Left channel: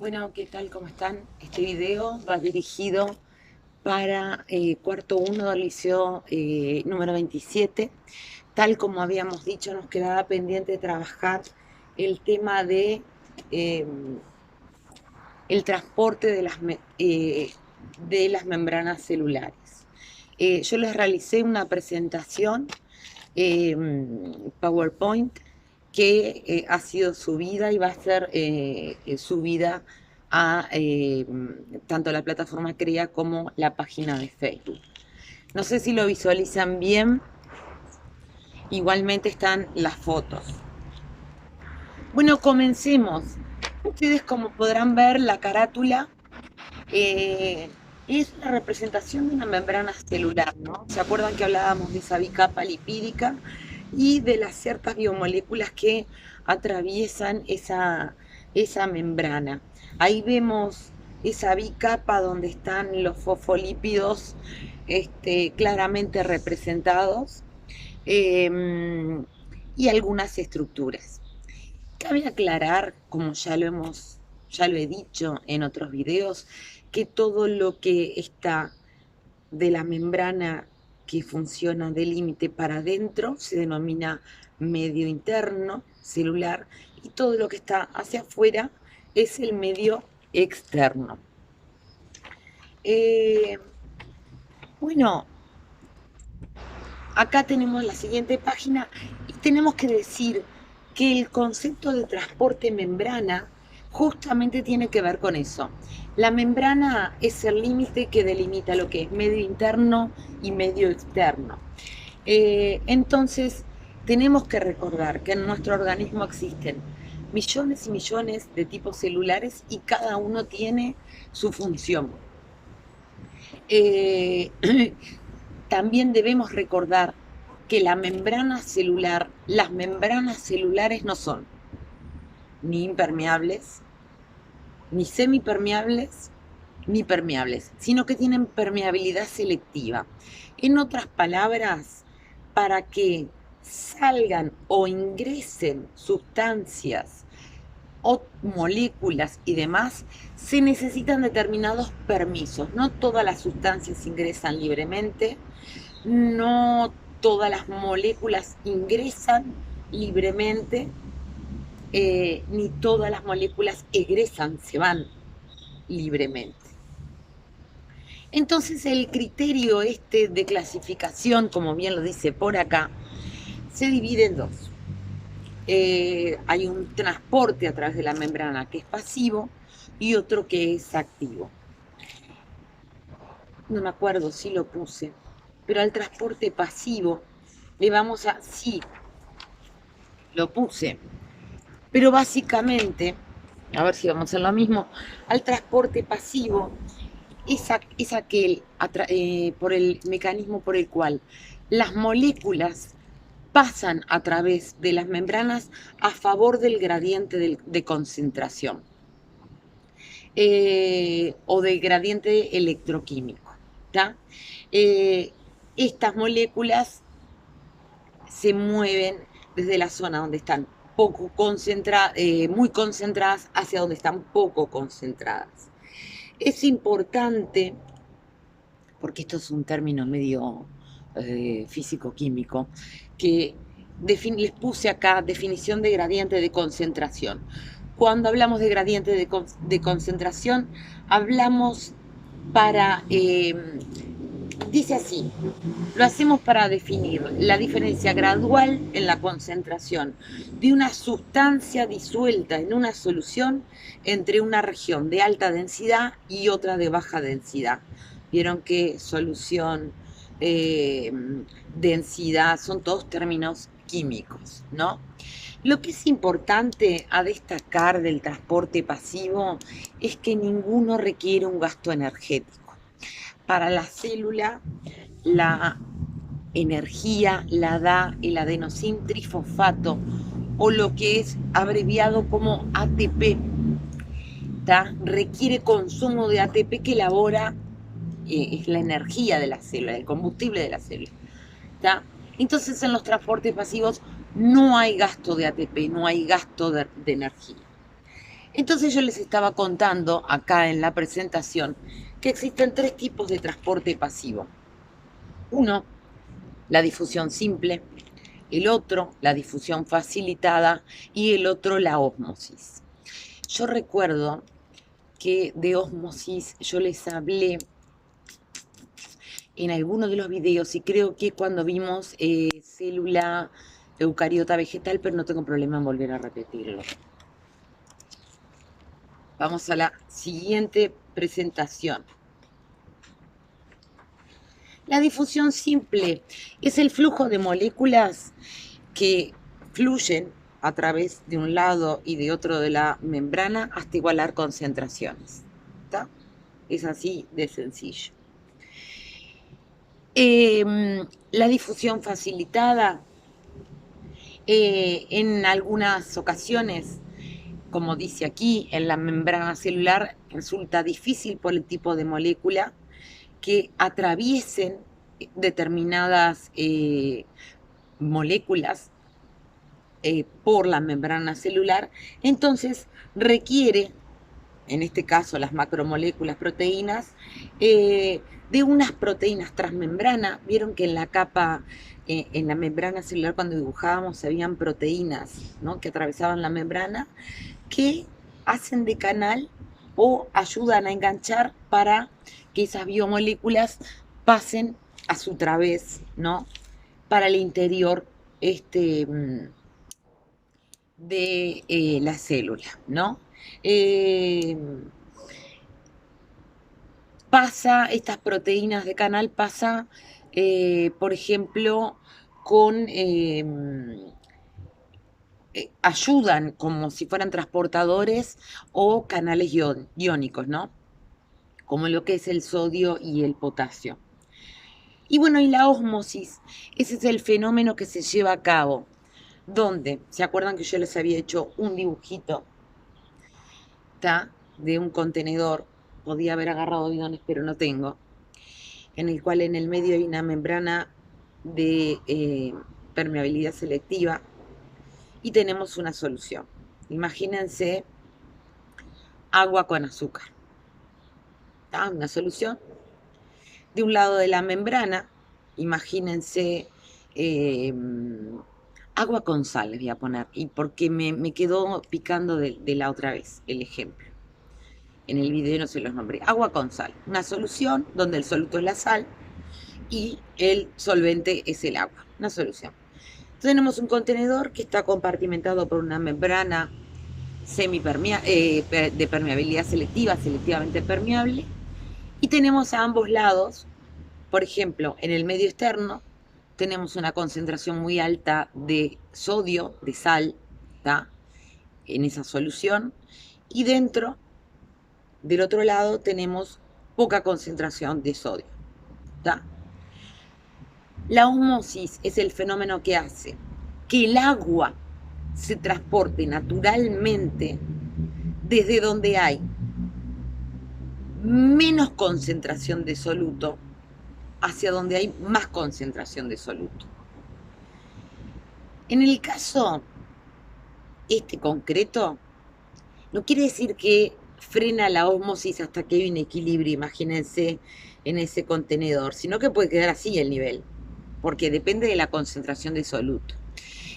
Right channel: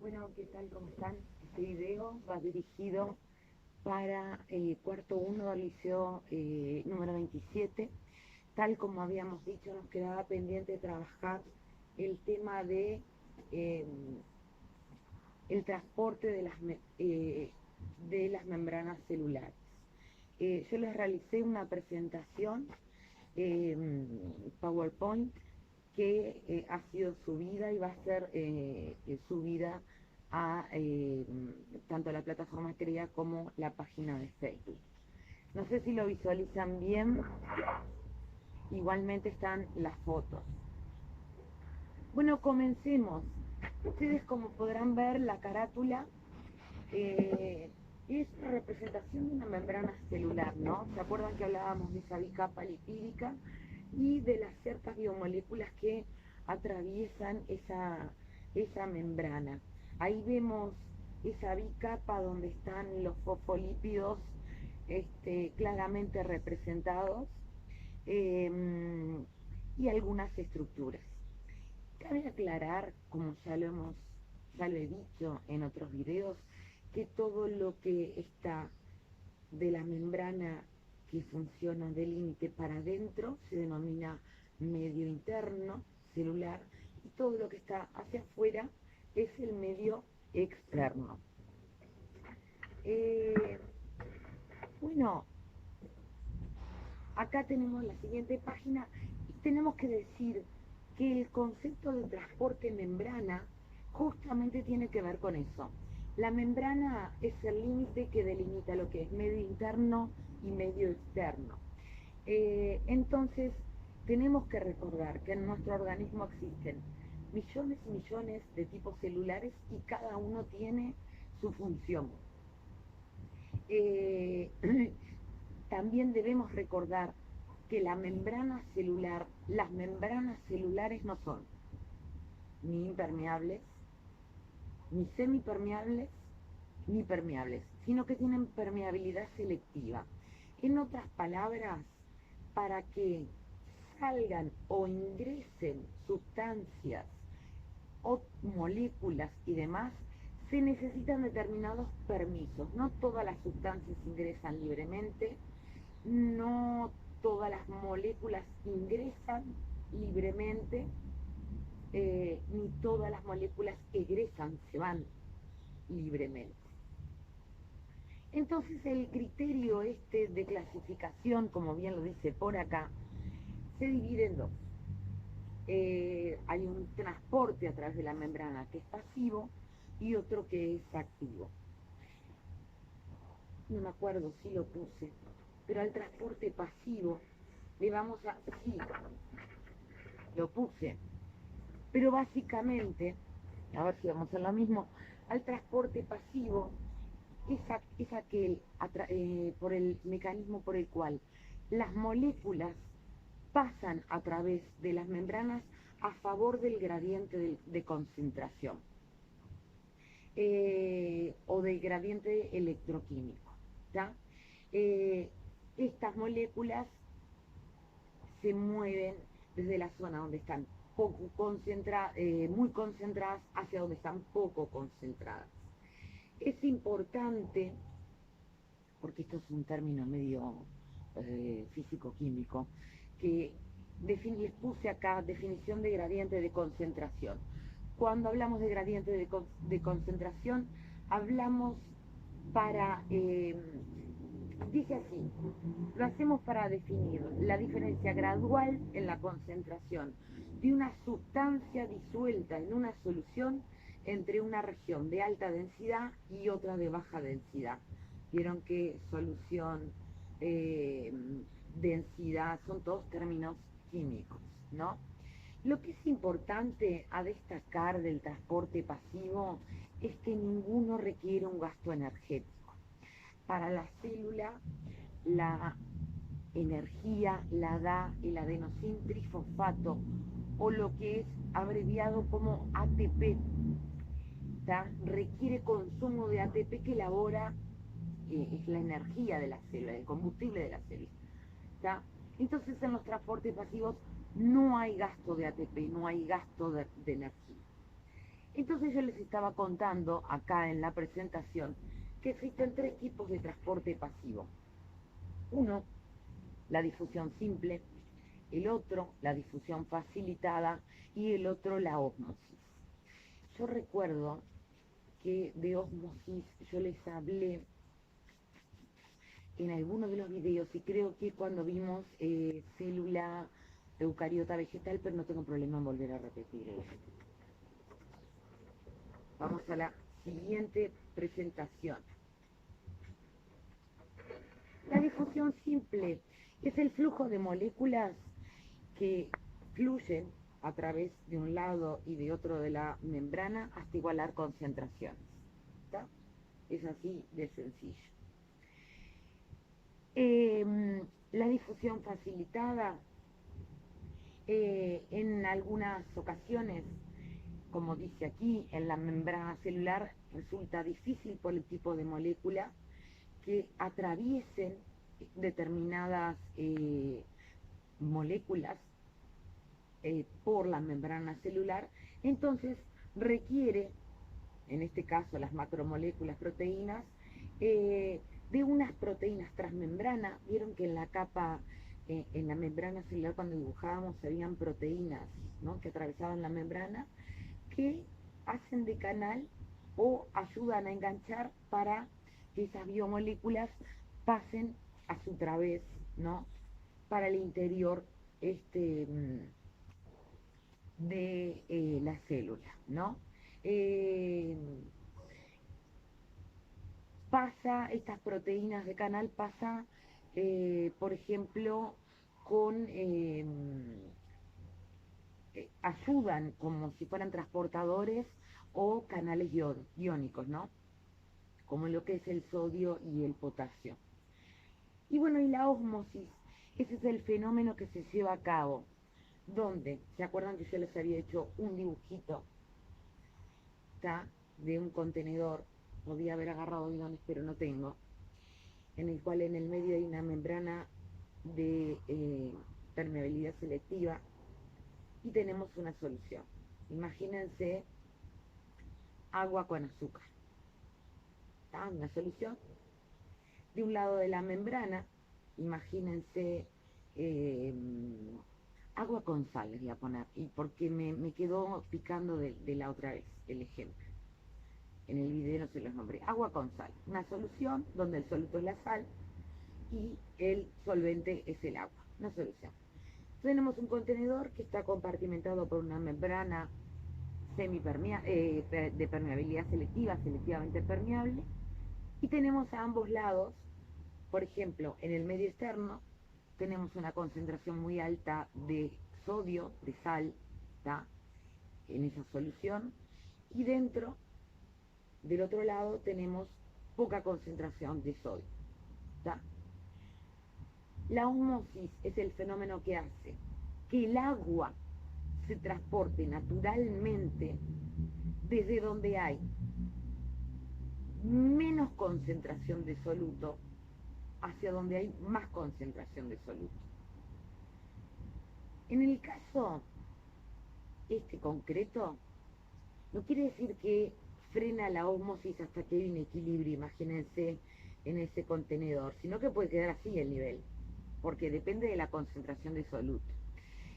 Bueno, ¿qué tal? ¿Cómo están? Este video va dirigido para cuarto uno del liceo número 27. Tal como habíamos dicho, nos quedaba pendiente trabajar el tema de eh, el transporte de las membranas celulares. Yo les realicé una presentación eh, PowerPoint que ha sido subida y va a ser subida a tanto la plataforma CREA como la página de Facebook. No sé si lo visualizan bien, igualmente están las fotos. Bueno, comencemos. Ustedes, como podrán ver, la carátula eh, es la representación de una membrana celular, ¿no? ¿Se acuerdan que hablábamos de esa bicapa lipídica y de las ciertas biomoléculas que atraviesan esa membrana? Ahí vemos esa bicapa donde están los fosfolípidos claramente representados eh, y algunas estructuras. Cabe aclarar, como ya lo he dicho en otros videos, que todo lo que está de la membrana que funciona de límite para adentro se denomina medio interno celular y todo lo que está hacia afuera es el medio externo. Eh, bueno, acá tenemos la siguiente página y tenemos que decir que el concepto de transporte membrana justamente tiene que ver con eso. La membrana es el límite que delimita lo que es medio interno y medio externo. Entonces, tenemos que recordar que en nuestro organismo existen millones y millones de tipos celulares y cada uno tiene su función. Eh, También debemos recordar que las membranas celulares no son ni impermeables, ni semipermeables, ni permeables, sino que tienen permeabilidad selectiva. En otras palabras, para que salgan o ingresen sustancias o moléculas y demás, se necesitan determinados permisos. No todas las sustancias ingresan libremente, no todas las moléculas ingresan libremente, ni todas las moléculas egresan, se van libremente. Entonces el criterio de clasificación, como bien lo dice por acá, se divide en dos. Hay un transporte a través de la membrana que es pasivo y otro que es activo. No me acuerdo si lo puse, pero al transporte pasivo le vamos a... Sí, lo puse, pero básicamente, a ver si vamos a hacer lo mismo, al transporte pasivo es aquel por el mecanismo por el cual las moléculas pasan a través de las membranas a favor del gradiente de concentración o del gradiente electroquímico. ¿tá? Eh, Estas moléculas se mueven desde la zona donde están muy concentradas hacia donde están poco concentradas. Es importante, porque esto es un término medio físico-químico, que les puse acá definición de gradiente de concentración. Cuando hablamos de gradiente de concentración, hablamos para dice así, lo hacemos para definir la diferencia gradual en la concentración de una sustancia disuelta en una solución entre una región de alta densidad y otra de baja densidad. Vieron que solución, eh, densidad, son todos términos químicos, ¿no? Lo que es importante a destacar del transporte pasivo es que ninguno requiere un gasto energético. Para la célula, la energía la da el adenosín trifosfato o lo que es abreviado como ATP. Requiere consumo de ATP que elabora, es la energía de la célula, el combustible de la célula. Entonces en los transportes pasivos no hay gasto de ATP, no hay gasto de energía. Entonces yo les estaba contando acá en la presentación que existen 3 tipos de transporte pasivo. Uno, la difusión simple, el otro, la difusión facilitada y el otro, la ósmosis. Yo recuerdo que de ósmosis yo les hablé en alguno de los videos y creo que cuando vimos célula eucariota vegetal, pero no tengo problema en volver a repetirlo. Vamos a la siguiente presentación. La difusión simple es el flujo de moléculas que fluyen a través de un lado y de otro de la membrana hasta igualar concentraciones. ¿Está? Es así de sencillo. La difusión facilitada, en algunas ocasiones, como dice aquí, en la membrana celular resulta difícil por el tipo de molécula que atraviesen determinadas moléculas por la membrana celular, entonces requiere, en este caso las macromoléculas proteínas, de unas proteínas transmembrana. Vieron que en la capa, en la membrana celular cuando dibujábamos habían proteínas, ¿no?, que atravesaban la membrana, que hacen de canal o ayudan a enganchar para que esas biomoléculas pasen a su través, ¿no?, para el interior de la célula, ¿no? Estas proteínas de canal pasa, por ejemplo, con ayudan como si fueran transportadores o canales iónicos, ¿no? Como lo que es el sodio y el potasio. Y bueno, y la ósmosis, ese es el fenómeno que se lleva a cabo, donde, ¿se acuerdan que yo les había hecho un dibujito, ¿tá?, de un contenedor? Podía haber agarrado bidones, pero no tengo, en el cual en el medio hay una membrana de permeabilidad selectiva y tenemos una solución. Imagínense agua con azúcar, ¿tá?, una solución. De un lado de la membrana, imagínense agua con sal, les voy a poner, y porque me quedó picando de la otra vez el ejemplo. En el video no se los nombré. Agua con sal, una solución donde el soluto es la sal y el solvente es el agua, una solución. Entonces tenemos un contenedor que está compartimentado por una membrana de permeabilidad selectiva, selectivamente permeable, y tenemos a ambos lados, por ejemplo, en el medio externo tenemos una concentración muy alta de sodio, de sal, ¿tá?, en esa solución, y dentro, del otro lado, tenemos poca concentración de sodio, ¿tá? La ósmosis es el fenómeno que hace que el agua se transporte naturalmente desde donde hay menos concentración de soluto hacia donde hay más concentración de soluto. En el caso concreto, no quiere decir que frena la ósmosis hasta que hay un equilibrio, imagínense, en ese contenedor, sino que puede quedar así el nivel, porque depende de la concentración de soluto.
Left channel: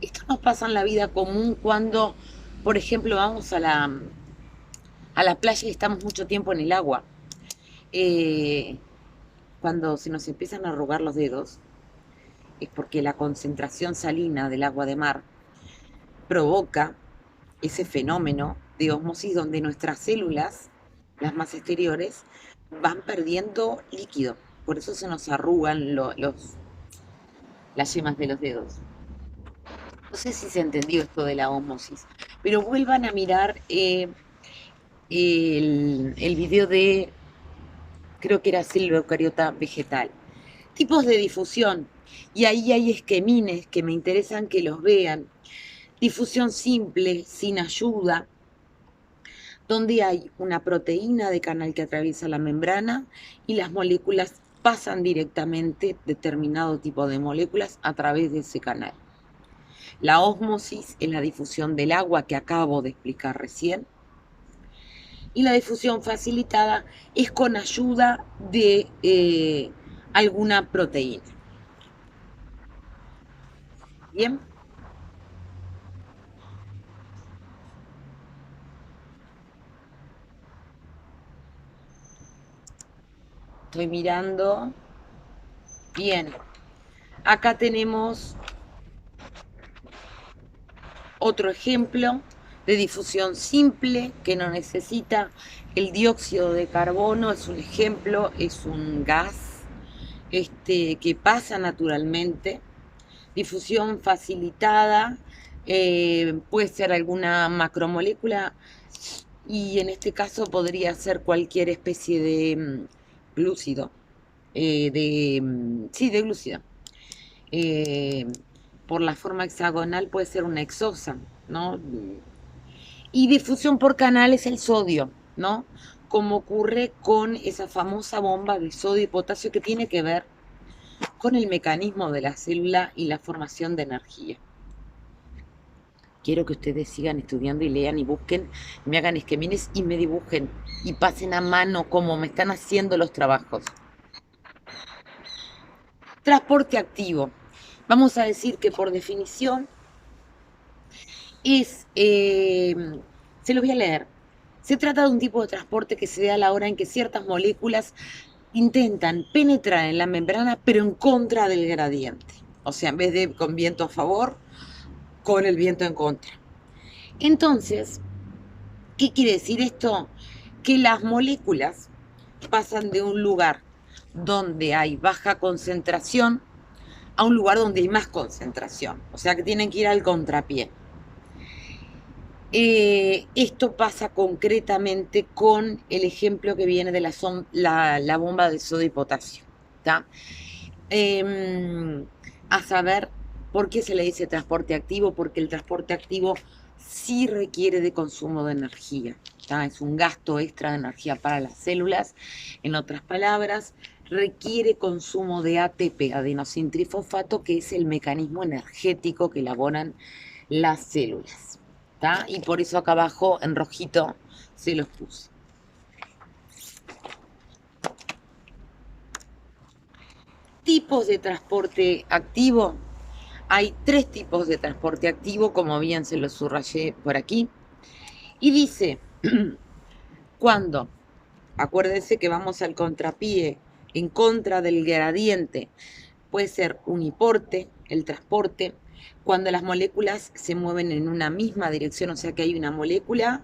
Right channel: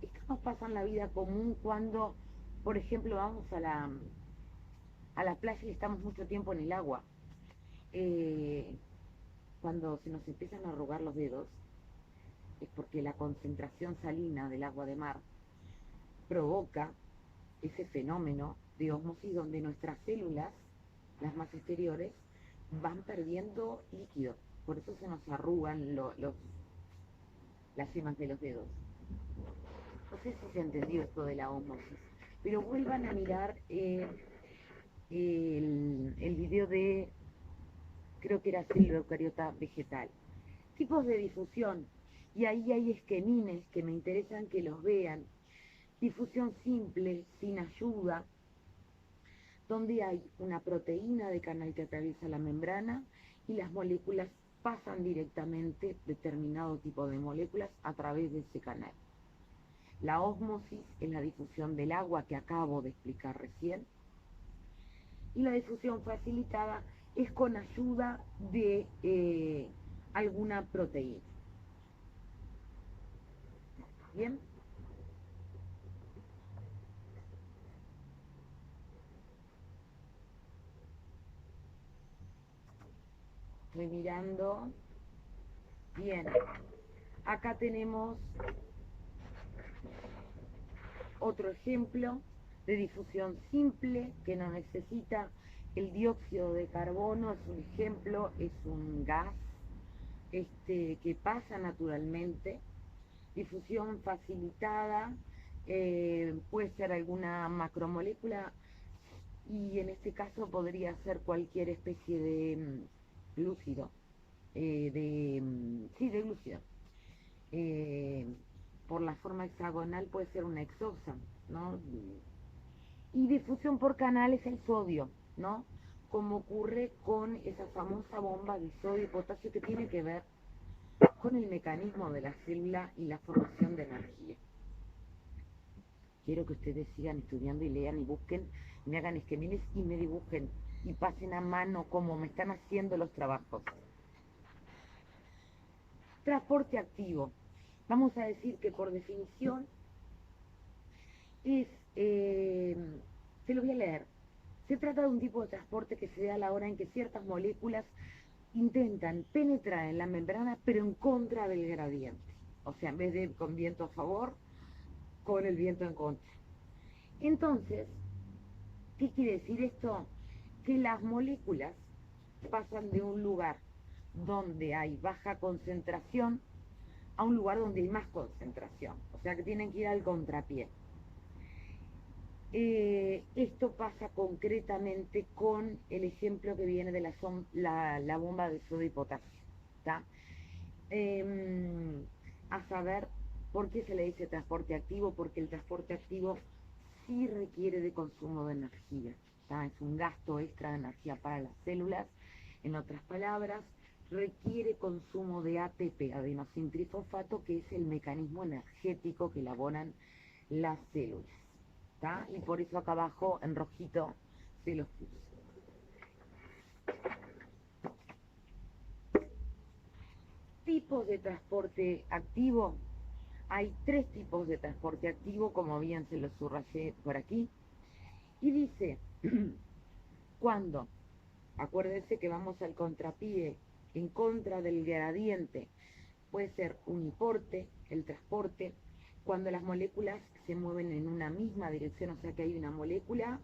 Esto nos pasa en la vida común cuando, por ejemplo, vamos a la playa y estamos mucho tiempo en el agua. Cuando se nos empiezan a arrugar los dedos, es porque la concentración salina del agua de mar provoca ese fenómeno de ósmosis donde nuestras células, las más exteriores, van perdiendo líquido. Por eso se nos arrugan las yemas de los dedos. No sé si se entendió esto de la ósmosis, pero vuelvan a mirar el video de, creo que era célula eucariota vegetal. Tipos de difusión, y ahí hay esquemines que me interesan que los vean. Difusión simple, sin ayuda, donde hay una proteína de canal que atraviesa la membrana y las moléculas pasan directamente, determinado tipo de moléculas, a través de ese canal. La ósmosis es la difusión del agua que acabo de explicar recién, Y la difusión facilitada es con ayuda de alguna proteína. Bien. Estoy mirando. Bien. Acá tenemos otro ejemplo de difusión simple que no necesita el dióxido de carbono. Es un ejemplo, es un gas que pasa naturalmente. Difusión facilitada, puede ser alguna macromolécula y en este caso podría ser cualquier especie de glúcido, sí, de glúcido. Eh, por la forma hexagonal puede ser una exosa, ¿no? Y difusión por canal es el sodio, ¿no? Como ocurre con esa famosa bomba de sodio y potasio que tiene que ver con el mecanismo de la célula y la formación de energía. Quiero que ustedes sigan estudiando y lean y busquen, me hagan esquemines y me dibujen y pasen a mano como me están haciendo los trabajos. Transporte activo. Vamos a decir que por definición es, se lo voy a leer. Se trata de un tipo de transporte que se da a la hora en que ciertas moléculas intentan penetrar en la membrana, pero en contra del gradiente. O sea, en vez de con viento a favor, con el viento en contra. Entonces, ¿qué quiere decir esto? Que las moléculas pasan de un lugar donde hay baja concentración a un lugar donde hay más concentración. O sea que tienen que ir al contrapié. Esto pasa concretamente con el ejemplo que viene de la bomba de sodio y potasio. ¿Tá? A saber, ¿por qué se le dice transporte activo? Porque el transporte activo sí requiere de consumo de energía. ¿Tá? Es un gasto extra de energía para las células. En otras palabras, requiere consumo de ATP, adenosintrifosfato, que es el mecanismo energético que elaboran las células. ¿Tá? Y por eso acá abajo, en rojito, se los puse. Tipos de transporte activo. Hay 3 tipos de transporte activo, como bien se los subrayé por aquí. Y dice, cuando, acuérdense que vamos al contrapié, en contra del gradiente, puede ser uniporte, el transporte, cuando las moléculas se mueven en una misma dirección, o sea que hay una molécula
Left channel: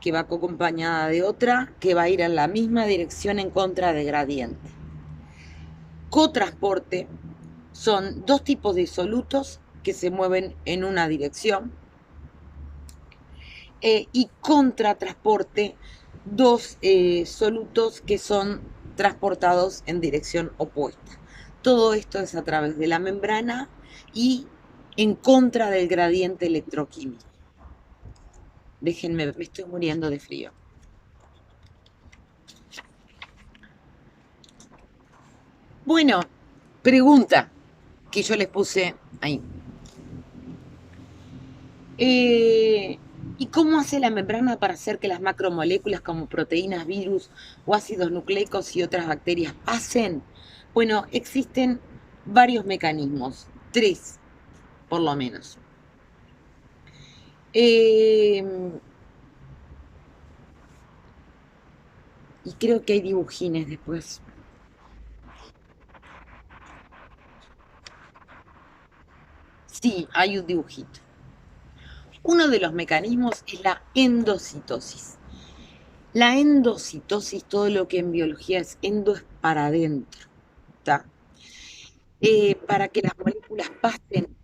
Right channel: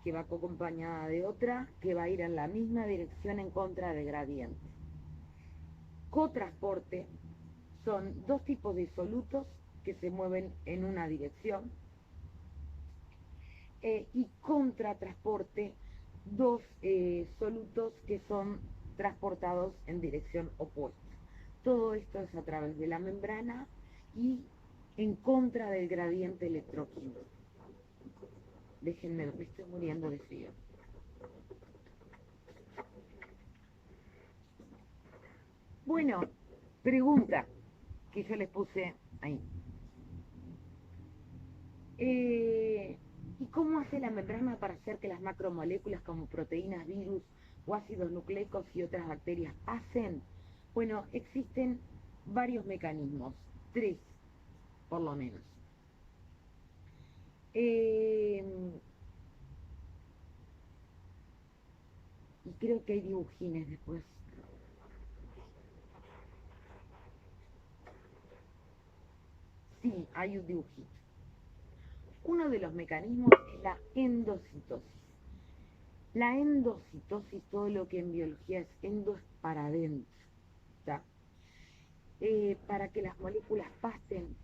que va acompañada de otra que va a ir en la misma dirección en contra de gradiente. Cotransporte son 2 tipos de solutos que se mueven en una dirección y contratransporte, 2 solutos que son transportados en dirección opuesta. Todo esto es a través de la membrana y en contra del gradiente electroquímico. Déjenme, me estoy muriendo de frío. Bueno, pregunta que yo les puse ahí. ¿Y cómo hace la membrana para hacer que las macromoléculas como proteínas, virus o ácidos nucleicos y otras bacterias pasen? Bueno, existen varios mecanismos, 3 por lo menos. Y creo que hay dibujines después. Sí, hay un dibujito. Uno de los mecanismos es la endocitosis. La endocitosis, todo lo que en biología es endo, es para adentro. ¿Tá? Para que las moléculas pasen,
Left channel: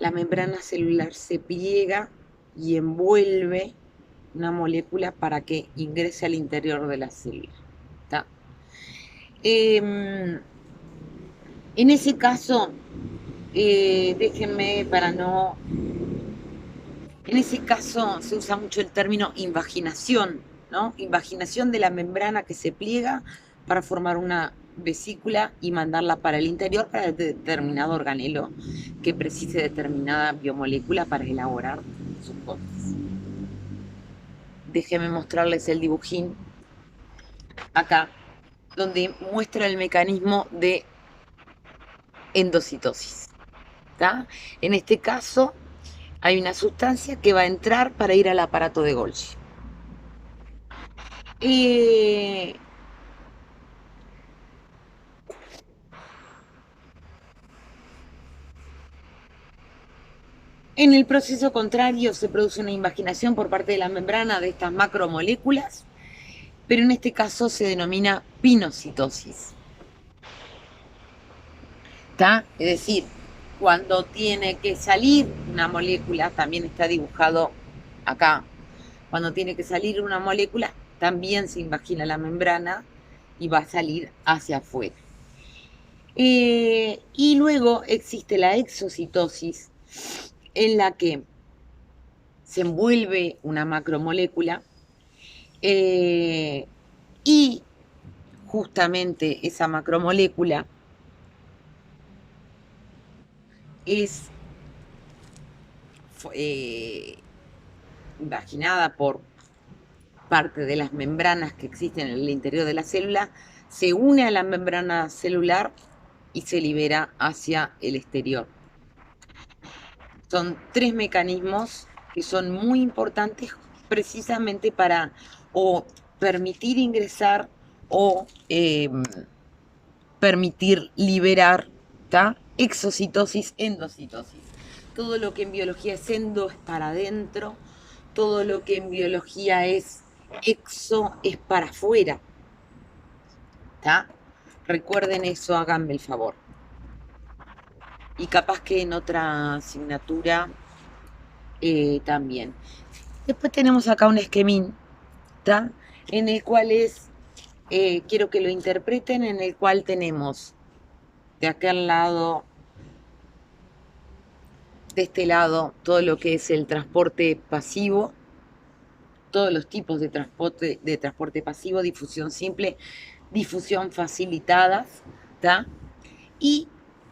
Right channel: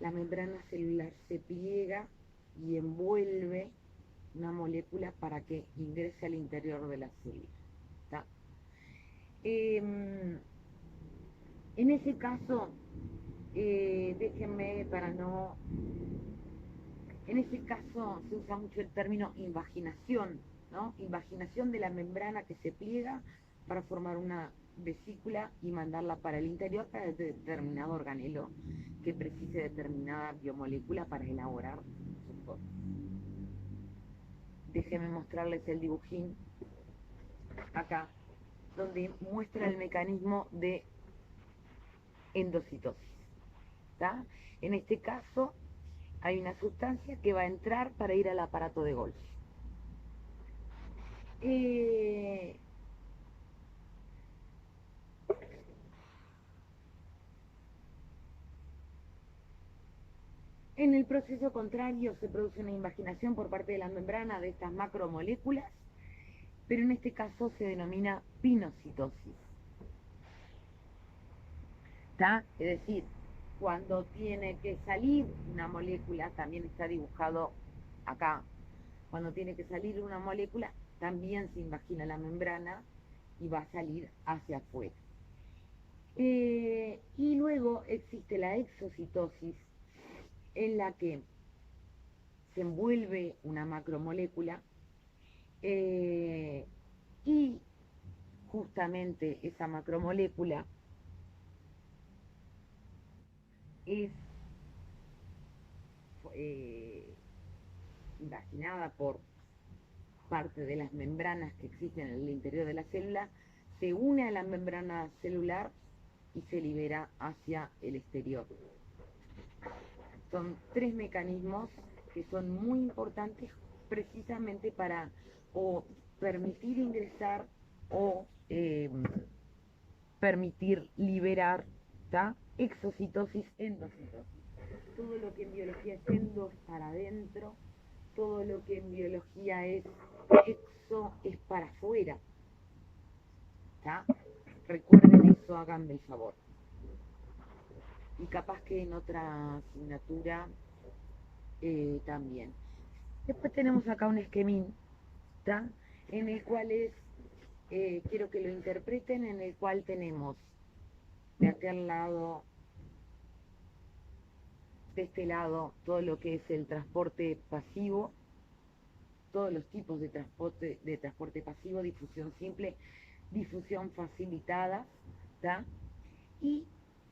la membrana celular se pliega y envuelve una molécula para que ingrese al interior de la célula. ¿Tá? En ese caso, déjenme para no... En ese caso se usa mucho el término invaginación, ¿no? Invaginación de la membrana que se pliega para formar una vesícula y mandarla para el interior para determinado organelo que precise determinada biomolécula para elaborar sus cosas. déjenme mostrarles el dibujín acá, donde muestra el mecanismo de endocitosis. ¿Tá? En este caso, hay una sustancia que va a entrar para ir al aparato de Golgi. En el proceso contrario se produce una invaginación por parte de la membrana de estas macromoléculas, pero en este caso se denomina pinocitosis. ¿Está? Es decir, cuando tiene que salir una molécula, también está dibujado acá, cuando tiene que salir una molécula, también se invagina la membrana y va a salir hacia afuera. Y luego existe la exocitosis, en la que se envuelve una macromolécula y justamente esa macromolécula es imaginada por parte de las membranas que existen en el interior de la célula, se une a la membrana celular y se libera hacia el exterior. Son 3 mecanismos que son muy importantes precisamente para o permitir ingresar o permitir liberar, ¿tá? Exocitosis, endocitosis. Todo lo que en biología es endo es para adentro, todo lo que en biología es exo es para afuera. ¿Tá? Recuerden eso, háganme el favor. Y capaz que en otra asignatura también. Después tenemos acá un esquemín, ¿tá? En el cual quiero que lo interpreten, en el cual tenemos de aquel lado, de este lado, todo lo que es el transporte pasivo, todos los tipos de transporte pasivo, difusión simple, difusión facilitadas, ¿tá? Y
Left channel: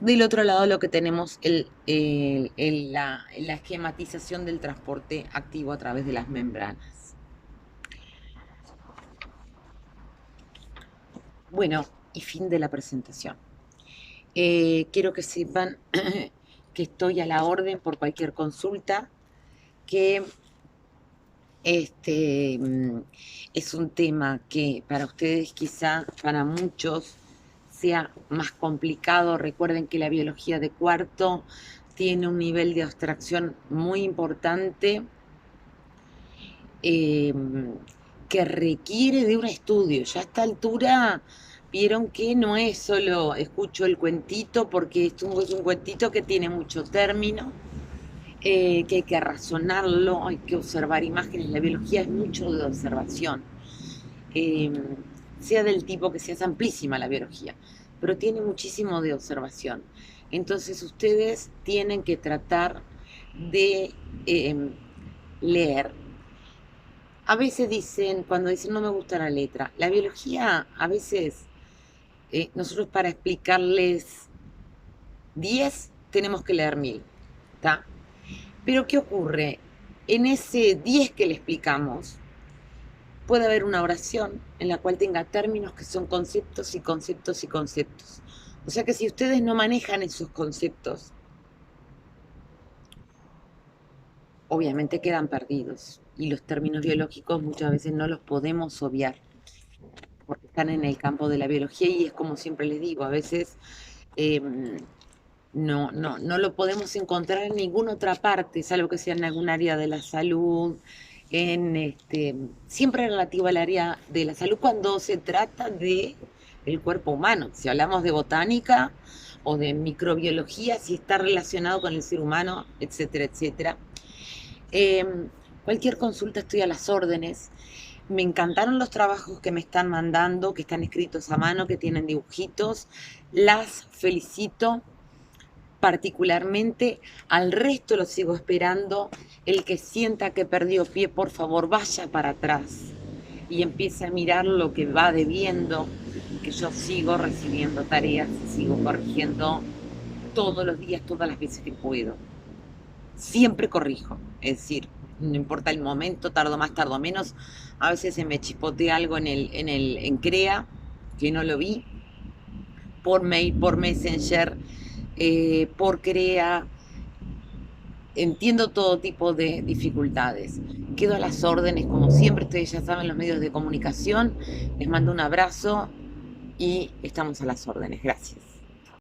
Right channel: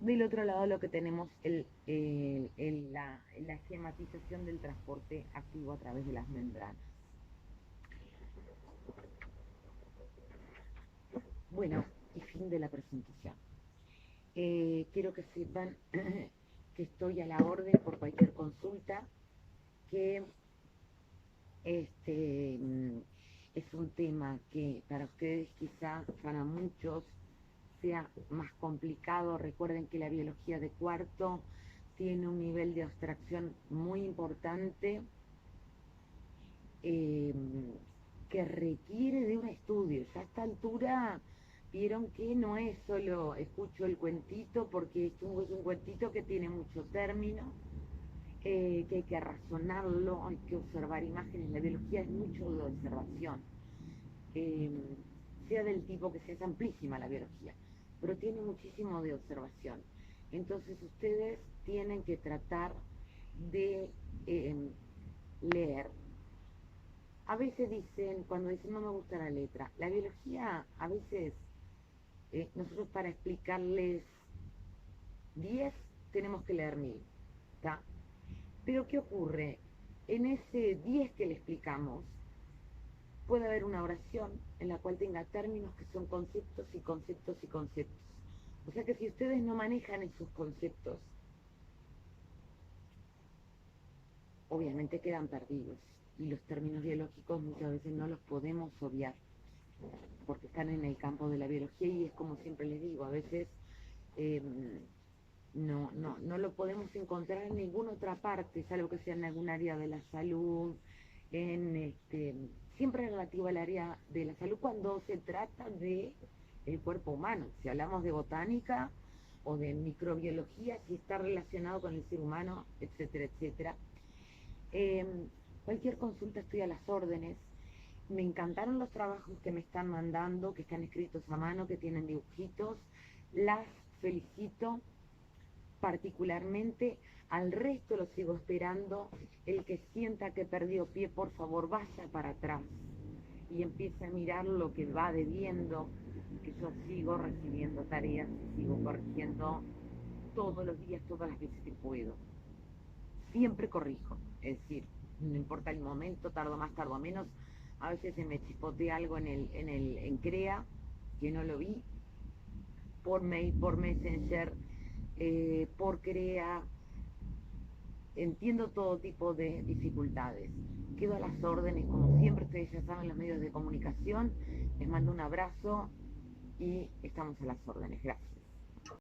del otro lado lo que tenemos la esquematización del transporte activo a través de las membranas. Bueno, y fin de la presentación. Quiero que sepan que estoy a la orden por cualquier consulta, que es un tema que para ustedes quizá, para muchos, sea más complicado. Recuerden que la biología de cuarto tiene un nivel de abstracción muy importante que requiere de un estudio. Ya a esta altura vieron que no es solo escucho el cuentito, porque esto es un cuentito que tiene mucho término, que hay que razonarlo, hay que observar imágenes. La biología es mucho de observación, sea del tipo que sea, es amplísima la biología, pero tiene muchísimo de observación. Entonces ustedes tienen que tratar de leer. A veces dicen, cuando dicen no me gusta la letra, la biología a veces, nosotros para explicarles 10 tenemos que leer 1000, ¿tá? Pero ¿qué ocurre? En ese 10 que le explicamos, puede haber una oración en la cual tenga términos que son conceptos y conceptos y conceptos. O sea que si ustedes no manejan esos conceptos, obviamente quedan perdidos. Y los términos biológicos muchas veces no los podemos obviar, porque están en el campo de la biología y es como siempre les digo, a veces no lo podemos encontrar en ninguna otra parte, salvo que sea en algún área de la salud, siempre relativo al área de la salud cuando se trata de el cuerpo humano. Si hablamos de botánica o de microbiología, si está relacionado con el ser humano, etcétera, etcétera. Cualquier consulta estoy a las órdenes. Me encantaron los trabajos que me están mandando, que están escritos a mano, que tienen dibujitos. Las felicito particularmente. Al resto lo sigo esperando. El que sienta que perdió pie, por favor, vaya para atrás y empiece a mirar lo que va debiendo, que yo sigo recibiendo tareas y sigo corrigiendo todos los días, todas las veces que puedo. Siempre corrijo, es decir, no importa el momento, tardo más, tardo menos. A veces se me chispotea algo en CREA, que no lo vi, por mail, por Messenger, por CREA. Entiendo todo tipo de dificultades. Quedo a las órdenes, como siempre, ustedes ya saben, los medios de comunicación. Les mando un abrazo y estamos a las órdenes. Gracias.